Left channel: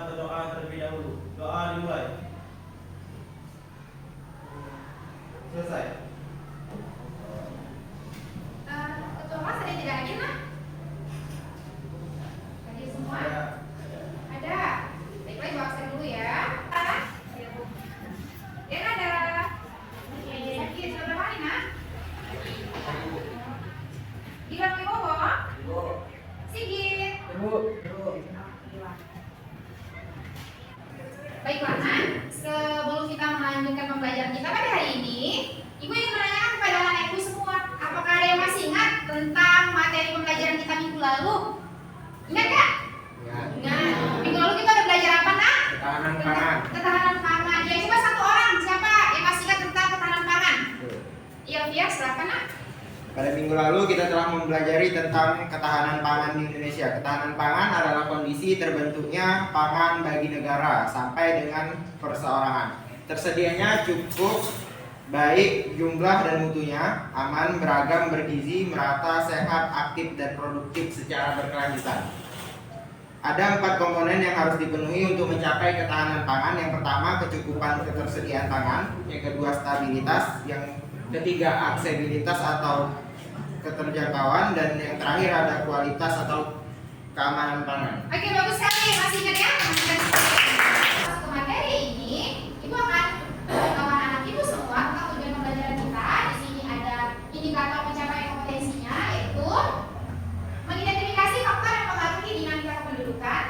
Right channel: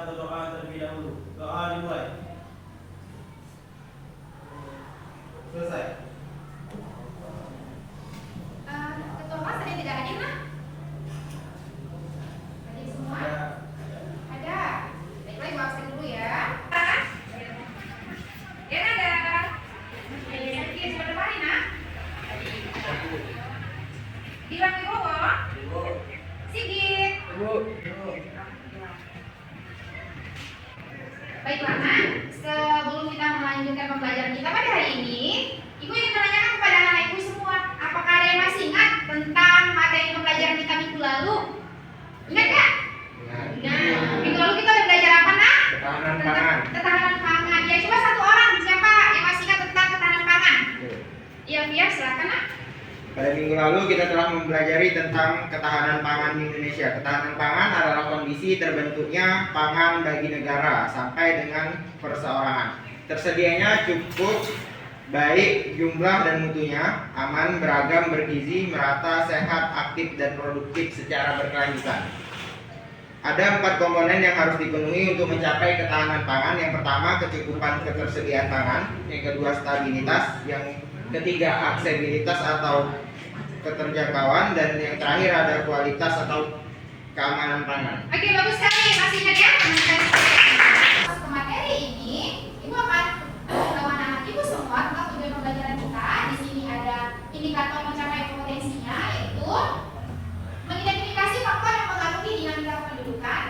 atau doa terlebih dahulu. Doa dimulai. Selesai. Ketua kelas ada yang tidak hadir, nak? Hadir semua? Ada. Baiklah, ibu absen dulu ya. Ya, ada. Sakit, sudah berapa hari, nak? Di Rami Bowo? Sigit? Baiklah, nak. Sebelum kita melanjutkan pembelajaran kita pada hari ini, ibu ingin menanyakan kepada anak ibu semua, apakah ada yang masih ingat tentang materi pembelajaran kita minggu lalu? Ingat gak? Ingat. Minggu lalu kita udah belajar apa, nak? Ketahanan pangan. Ketahanan pangan. Ya, coba satu orang siapa yang masih ingat tentang ketahanan pangan? Iya, Fia, silakan, nak. Pada minggu lalu kita telah mempelajari tentang ketahanan pangan di Indonesia. Ketahanan pangan adalah kondisi terbentuknya pangan bagi negara sampai dengan perseorangan. Tersedianya cukup baik jumlah dan mutunya, aman, beragam, bergizi, merata, sehat, aktif, dan produktif secara berkelanjutan. Ada 4 komponen yang harus dipenuhi untuk mencapai ketahanan pangan. Yang pertama, kecukupan ketersediaan pangan. Yang kedua, stabilitas. Yang ketiga, aksesibilitas atau keterjangkauan. Dan yang terakhir ada kualitas atau keamanan pangan. Oke, bagus sekali. Masih ingat ya? Masuk ke materi ini, ibu akan memberitahu anak ibu semua tentang tujuan pembelajaran kita. Di sini ada indikator pencapaian potensinya, yaitu mengidentifikasi faktor yang mempengaruhi dinamika kependudukan,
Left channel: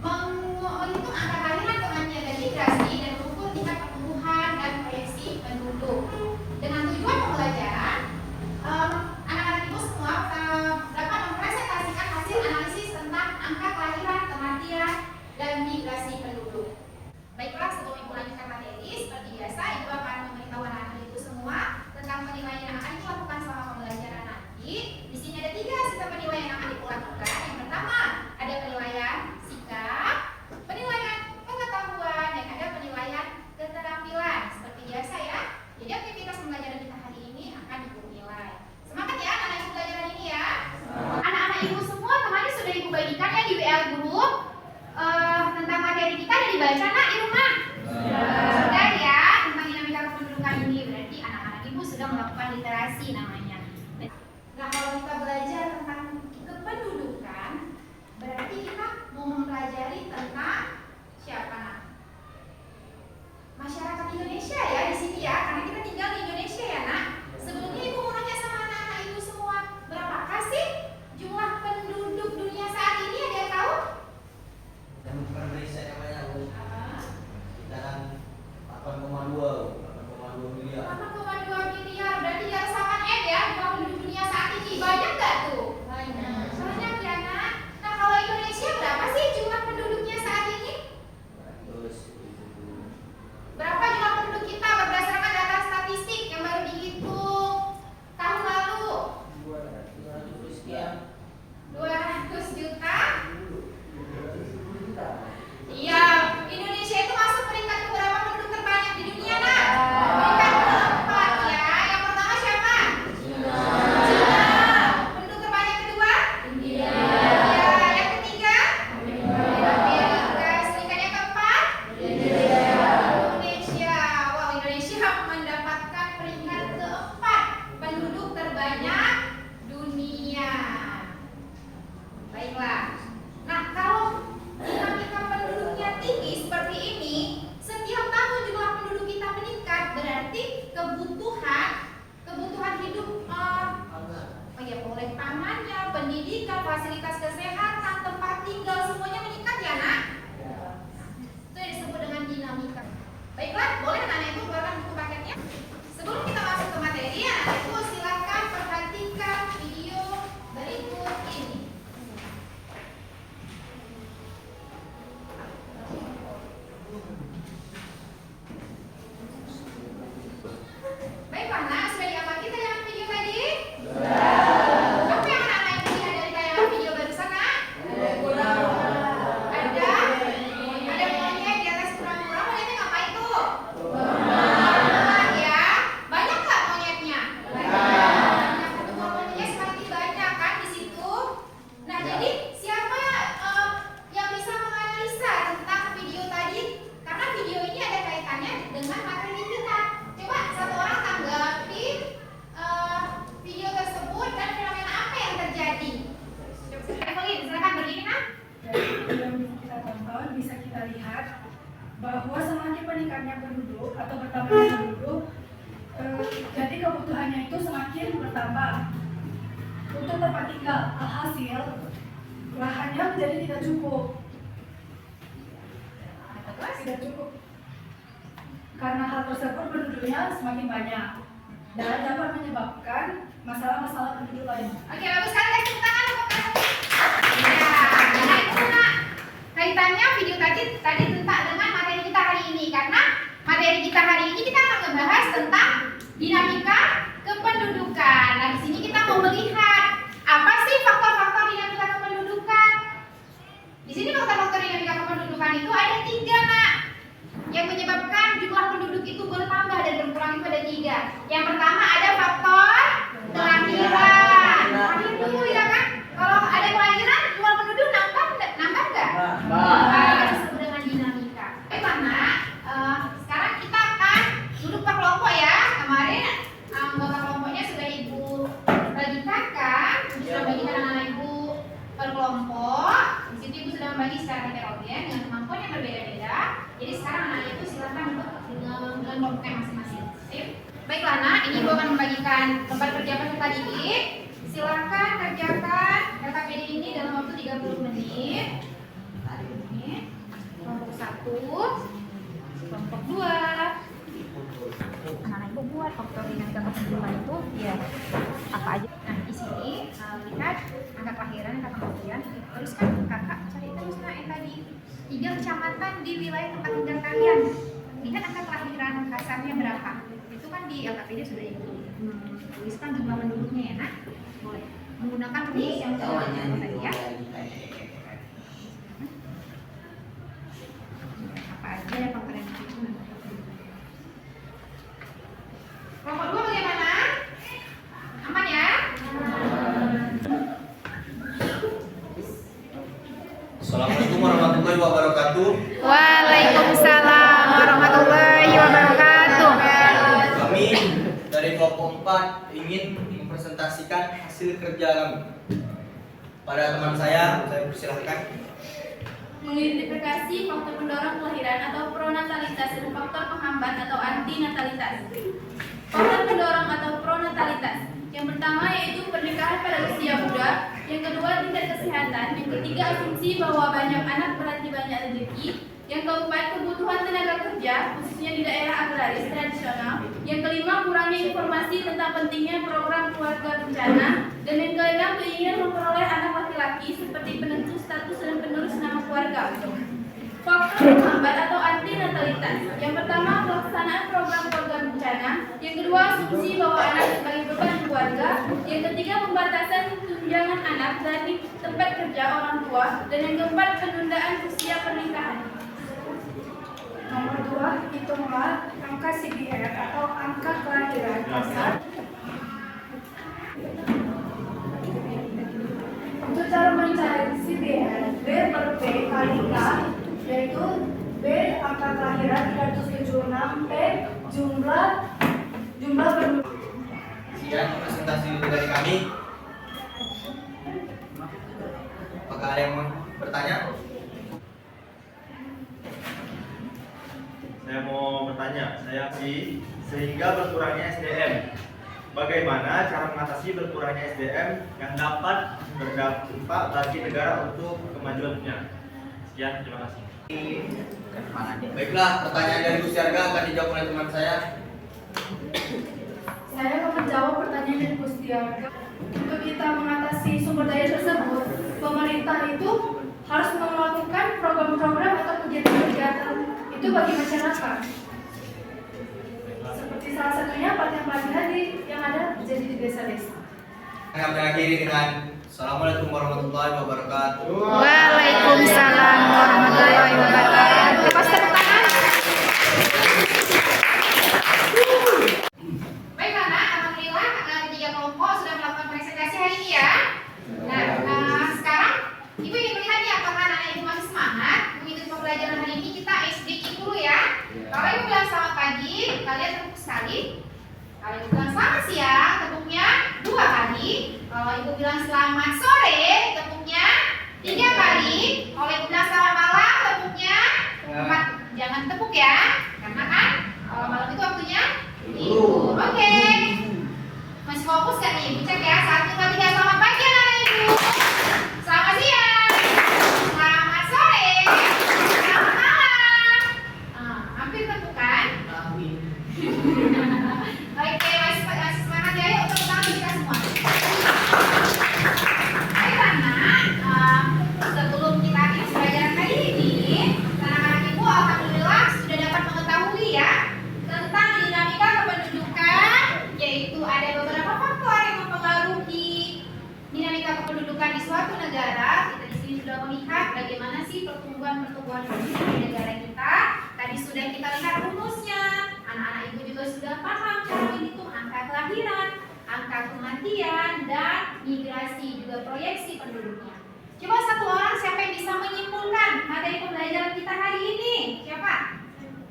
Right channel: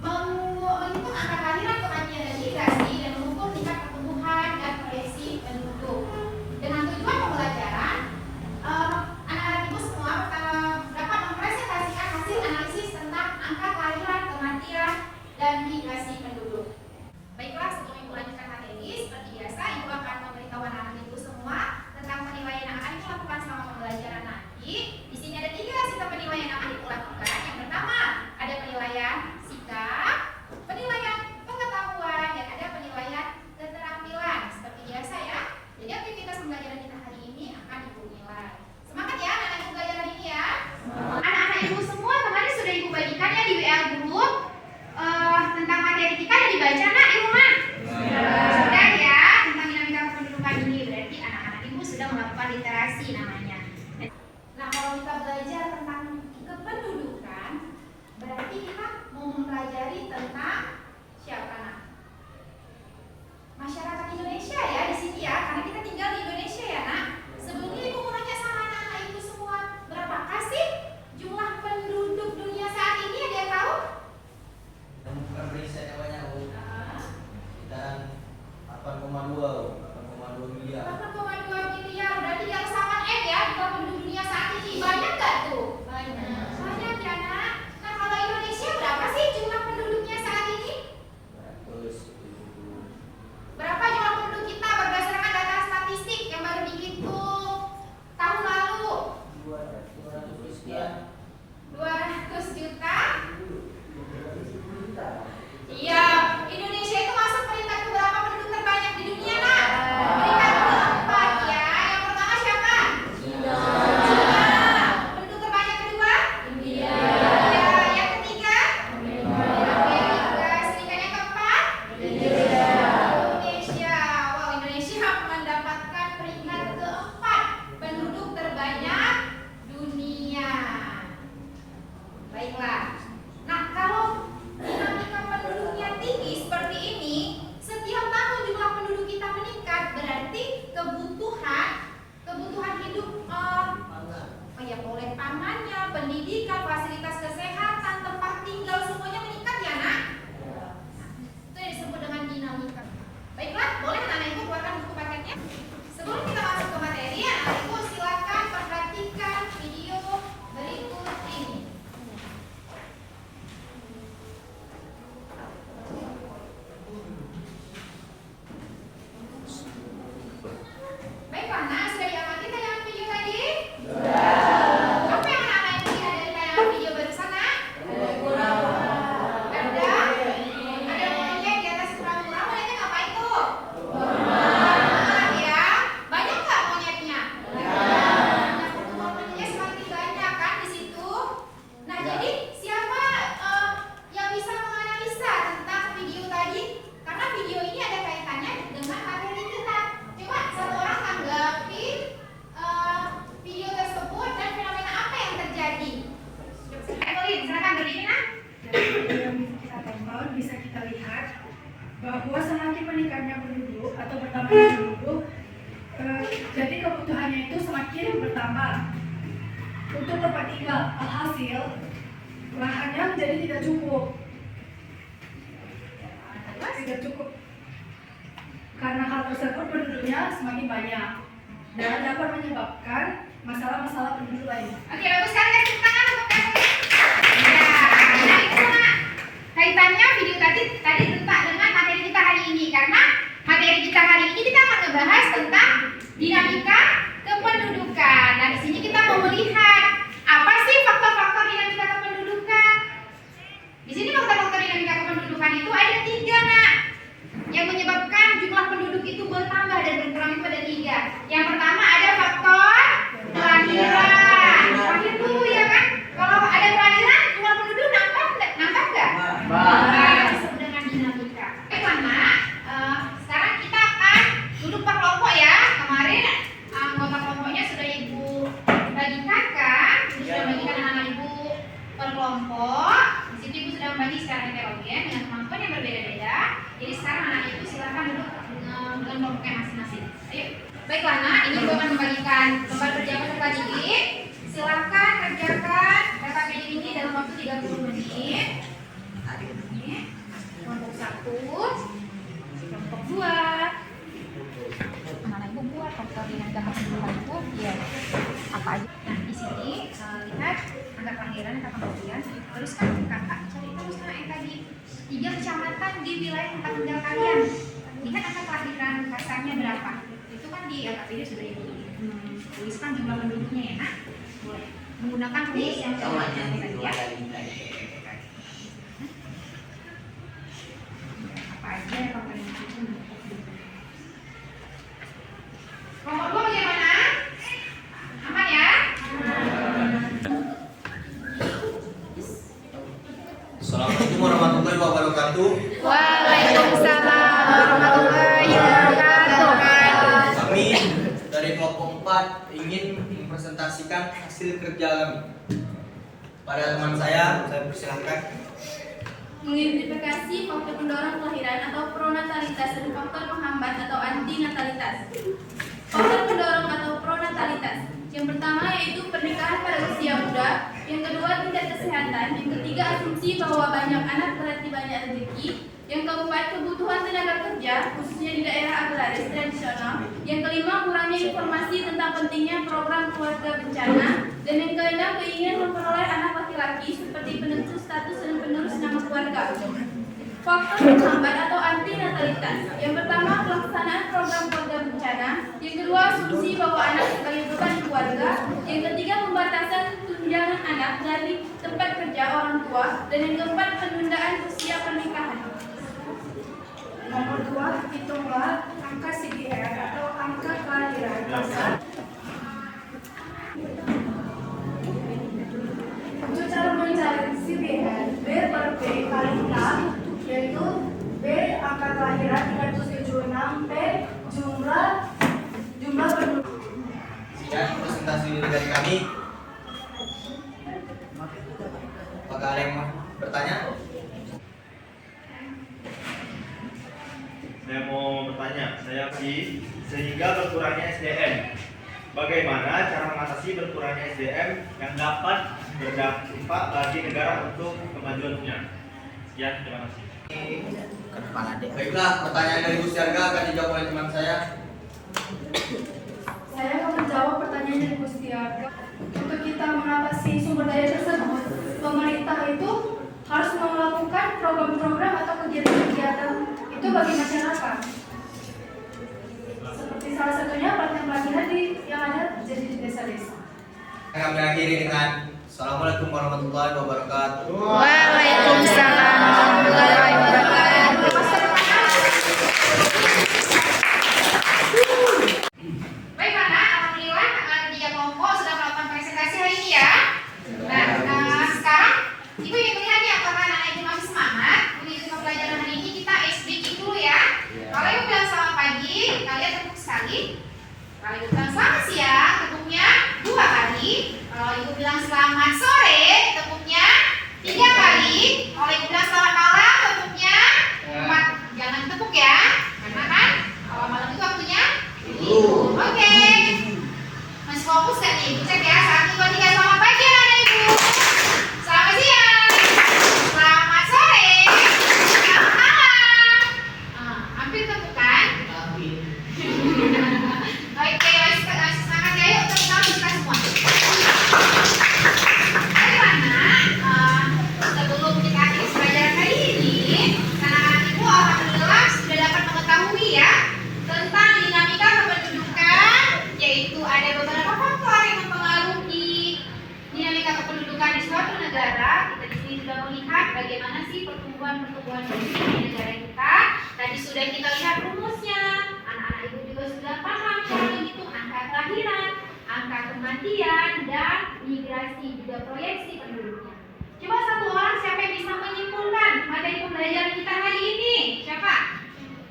menghitung angka kelahiran, kematian, dan migrasi, dan mengukur tingkat pertumbuhan dan proyeksi penduduk. Dengan tujuan pembelajaran, anak-anak ibu semua dapat mempresentasikan hasil analisis tentang angka kelahiran, kematian, dan migrasi penduduk. Baiklah, sebelum ibu lanjutkan materi, seperti biasa ibu akan memberitahu anak-anak ibu semua tentang penilaian yang akan ibu lakukan selama pembelajaran nanti. Di sini ada 3 sistem penilaian yang akan ibu lakukan. Yang pertama, ada penilaian sikap, penilaian pengetahuan, dan ada penilaian keterampilan. Seperti biasa ya. Jadi aktivitas pembelajaran kita hari ini akan ibu nilai. Semangat ya anak-anak ibu belajar hari ini ya. Anak-anak ibu semua kemarin sudah ibu bagikan ya di WA group tentang materi kita yang dibaca, nak, di rumah. Sudah ya, tentang dinamika kependudukan ini. Berarti anak-anak ibu sudah melakukan literasi namanya. Nah, kalau kita belajar tentang kependudukan, berarti kita mau mempelajari tentang siapa, nak? Masyarakat Indonesia ya di sini ya, karena kita tinggal di Indonesia ya, nak. Sebelumnya ibu mau nanya sama anak-anak ibu semua, berapakah sih jumlah penduduk dunia saat ini? Ada yang tahu? Bukan riset namanya, Bu. Sekitaran 8,2 miliar. 8,2 miliar, berarti di atas 8M ya jumlah penduduk dunia saat ini. Banyak nggak tuh? Banyak ya, nak. Nah, kalau Indonesia berapa sih jumlah penduduknya saat ini? Berapa jumlah penduduk kita berdasarkan data statistik yang baru dihitung tahun lalu? 200 juta? Iya, Indonesia itu masuk peringkat keberapa penduduk terbanyak di dunia, nak? Peringkat keempat ya. Yang pertama siapa? China. Penduduk terbanyak kedua? India. Ya, yang ketiga? Amerika. Serikat yang keempat? Indonesia. Wow, Indonesia mendapatkan peringkat keempat penduduk terbanyak dunia. Baiklah. Nah, kalau dinamika penduduknya tinggi seperti ini, setiap tahun jumlah penduduk kita meningkat, berarti kebutuhan hidup oleh pangannya, pendidikan, fasilitas kesehatan, tempat tinggal semuanya meningkat ya, nak? Itu yang disebut dengan dinamika. Baiklah, boleh anak-anak ibu keluarkan buku paketnya. Sebelum kita masuk ke materi, anak ibu silakan perhatikan video berikut ini. Baiklah, nah, sudah diamati tayangan video tadi? Apa yang anak-anak ibu lihat dari tayangan video barusan, nak? lihat bahwa semakin meningkatnya penduduk atau bertambahnya penduduk, jadi kebutuhannya itu semakin bertambah. Untuk tempat tinggal, alhasil lahannya menjadi tidak cukup. Tidak cukup. Karena hal tersebut penduduknya semakin banyak dan dapat menyebabkan masalah-masalah penduduk lain. Oke, bagus sekali, kasih tangan untuk kasih. Ya, nah itu nak kaitannya video tadi tentang dengan materi kita hari ini, karena materi kita hari ini kita akan membahas tentang dinamika kependudukan. Nah, di sini kita mau melihat apa sih faktor-faktor dinamika kependudukan. Di sini faktor-faktor dinamika kependudukan itu ada 3 nak, yang menyebabkan jumlah penduduk itu bertambah dan berkurang itu ada 3. Yang pertama ada faktor kelahiran. Lahir dulu ya kan? Kalau ada kelahiran, jumlah penduduk nambah nggak? Nah, disebut dengan dinamika. Bagaimana? Sekarang kita akan duduk per kelompok ya. Kemarin anggota kelompoknya sudah ibu bagikan kan? Sudah bagikan anak-anak ibu per kelompok. Di situ ibu sudah membagi secara heterogen dengan kemampuan yang berbeda-beda. Jadi sekarang anak ibu silakan duduk dengan kelompoknya masing-masing. Ayo. Baiklah nak, ini ibu akan membagikan tempat kerja peserta didik. Silakan kerjakan RKPD ini dalam waktu 30 menit. Kelompok 1, kelompok 2. Anak ibu buat faktor dinamika kependudukan itu ya apa aja. Nah di sini lihat angka kelahiran, angka kematian. Tuliskan kakak, cari terusnya yang tadi 3 kecamatan di wilayah tempat tinggal kalian. Lihat angka kelahiran kasarnya berapa. Itu kan di RKPD sudah ibu tuliskan jumlah penduduknya ya nak. Boleh menggunakan rumus yang tadi ya. Apa aja yang kamu itu? Kelompok 2 bagaimana? Aman ya? Assalamualaikum warahmatullahi wabarakatuh. Waalaikumsalam warahmatullahi wabarakatuh. Kami dari kelompok 4 ingin mempresentasikan hasil kerja kami. Pada teman saya persilahkan. Mengidentifikasi faktor pendorong kelahiran atau pronatalitas dan faktor penghambat atau antinatalitas. Faktor pendorong atau pronatalitas. Yang pertama yaitu pernikahan pada usia muda, yang kedua tingkat kesehatan, yang ketiga asumsi bahwa banyak anak berarti banyak rezeki, yang keempat kebutuhan tenaga kerja khususnya di daerah agraris tradisional, yang kelima kurangnya informasi tentang pentingnya program keluarga bencana, dan yang keenam keinginan memperoleh anak laki-laki seperti penentu status dan penerus nama keluarga. Faktor penghambat atau antinatalitas. Yang pertama pelaksanaan program keluarga bencana, yang kedua asumsi bahwa anak sebagai beban keluarga, yang ketiga pembatasan tunjangan anak dari tempat kerja orang tua, dan yang keempat penundaan usia pernikahan. Nomor 2, hitunglah angka CDR atau angka kelahiran kasar. Untuk cara mencari CDR, B per P kali K, yaitu B angka kelahiran 376, P jumlah penduduk. Sekian presentasi dari kami. Apakah ada yang mau bertanya? Saya mau bertanya, sehingga berkurangnya SDM. Bagaimana cara mengatasi berkurangnya SDM yang dapat berdampak bagi negara untuk kemajuannya? Sekian, terima kasih. Baiklah, pertanyaan dari Bu Siarga akan dijawab oleh teman saya. Saya akan menjawab pertanyaan dari Gustiarga. Untuk kita mengatasi sumber daya tersebut, pemerintah itu harus melakukan program-program atau kegiatan-kegiatan itu bagi masyarakat. Seperti salah satunya pelatihan-pelatihan yang ada di desa-desa. Kami akhiri dengan Assalamualaikum warahmatullahi wabarakatuh. Waalaikumsalam warahmatullahi wabarakatuh. Bagaimana? Alhamdulillah 3 kelompok sudah melakukan presentasi hari ini ya. Nah, sekarang Ibu ingin melihat ya, karena anak ibu masih semangat mengikuti pembelajaran hari ini, kita speaking dulu ya. Kalau ibu bilang selamat pagi, kalian tepuk sekali. Kalau ibu bilang selamat siang, tepuknya 2 kali. Kalau ibu bilang selamat sore, tepuknya 3 kali. Kalau ibu bilang selamat malam, tepuknya bagaimana sih pertumbuhan di negara kita. Tadi sudah kita lihat rumusnya. Anak-anak ibu juga sudah paham cara menghitung angka kelahiran, angka kematian, dan migrasi juga proyeksi penduduknya. Coba satu orang siapa yang bisa menyimpulkan materi pembelajaran kita hari ini? Siapa?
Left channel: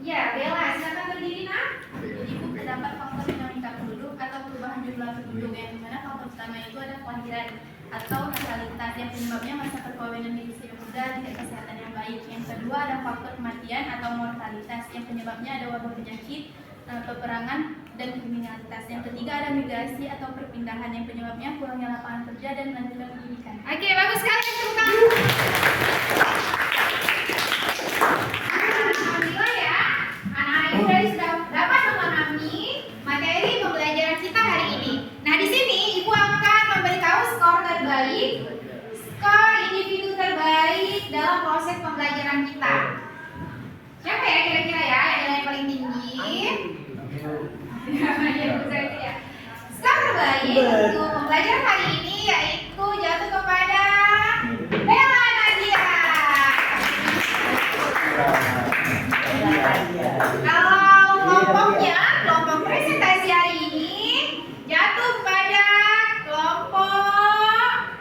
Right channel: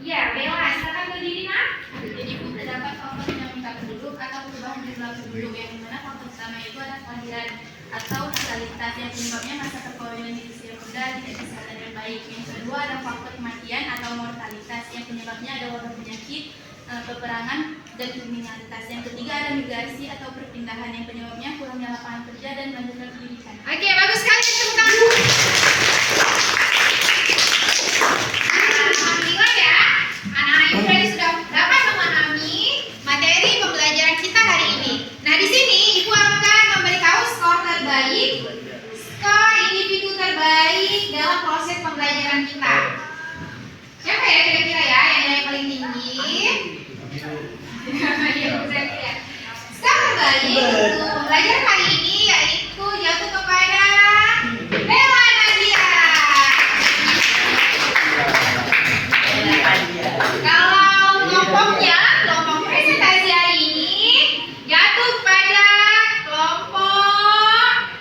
Ya, Bella, silakan berdiri nak. Jadi pun terdapat faktor dinamika penduduk atau perubahan jumlah penduduk yang dimana faktor utama itu ada kelahiran atau natalitas yang penyebabnya masa perkawinan di usia muda tidak kesehatan yang baik. Yang kedua ada faktor kematian atau mortalitas yang penyebabnya ada wabah penyakit, peperangan, dan kriminalitas. Yang ketiga ada migrasi atau perpindahan yang penyebabnya kurangnya lapangan kerja dan melanjutkan pendidikan. Oke, bagus sekali tepuk tangan. Alhamdulillah ya, anak-anak ibu tadi sudah dapat memahami materi pembelajaran kita hari ini. Nah, di sini ibu akan memberitahu skor terbaik, skor individu terbaik dalam proses pembelajaran kita. Siapa ya kira-kira ya yang nilai paling tinggi? Ya, kira-kira. Skor terbaik untuk pembelajaran hari ini yaitu jatuh kepada Bella Nadia. Kalau kelompok presentasi hari ini jatuh pada kelompok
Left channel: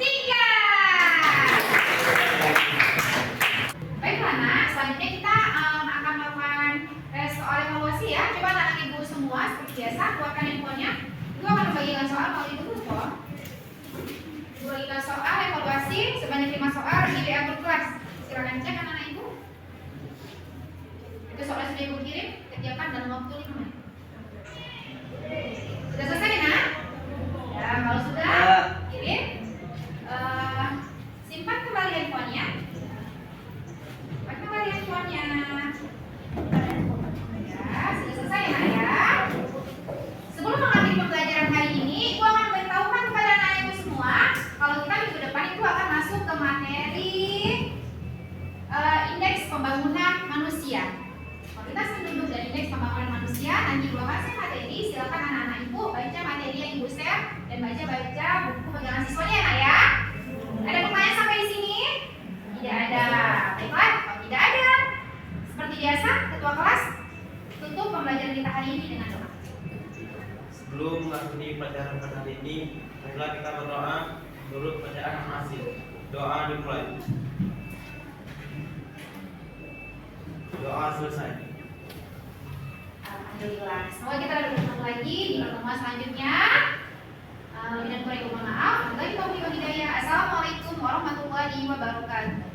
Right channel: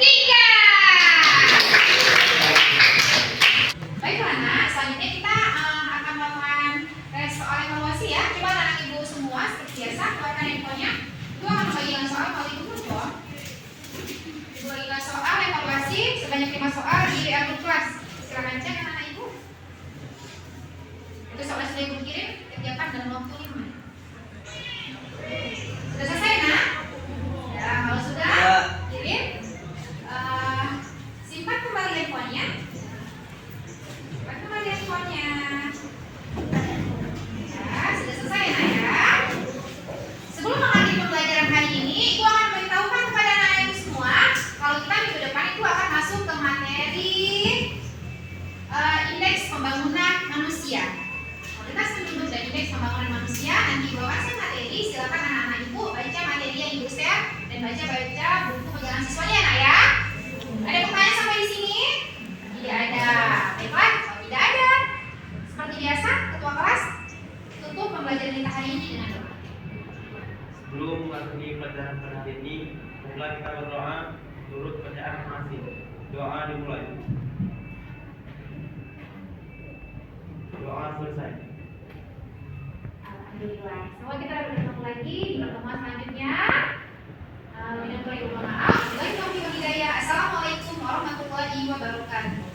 3. Baiklah nak, selanjutnya kita akan melakukan soal evaluasi ya. Coba anak ibu semua seperti biasa keluarkan handphonenya. Ibu akan membagikan soal kalau ibu belum. Ibu bagikan soal evaluasi sebanyak 5 soal di WA grup kelas. Silakan cek anak ibu. Itu soal sudah ibu kirim, kerjakan dalam waktu 5 menit. Sudah selesai nak? Ya, kalau sudah kirim, simpan kembali handphonenya. Simpan kembali handphonenya. Ya, sudah selesai nak ya. Sebelum mengakhiri pembelajaran hari ini, ibu akan memberitahukan kepada anak-anak ibu semua kalau kita minggu depan itu akan masuk ke materi indeks pembangunan manusia. Kualitas penduduk dan indeks pembangunan manusia. Nanti ibu akan share materi. Silakan anak-anak ibu baca materi yang ibu share dan baca buku pegangan siswanya nak ya. Ada pertanyaan sampai di sini? Tidak ada. Baiklah, kalau tidak ada, seperti biasa, ketua kelas tutup pembelajaran kita hari ini dengan doa. Sebelum mengakhiri pelajaran pada hari ini, marilah kita berdoa turut bacaan masing-masing. Doa dimulai. Doa selesai. Alhamdulillah. Semoga kita bertemu lagi di pertemuan selanjutnya. Lebih dan kurang mohon maaf. Assalamualaikum warahmatullahi wabarakatuh.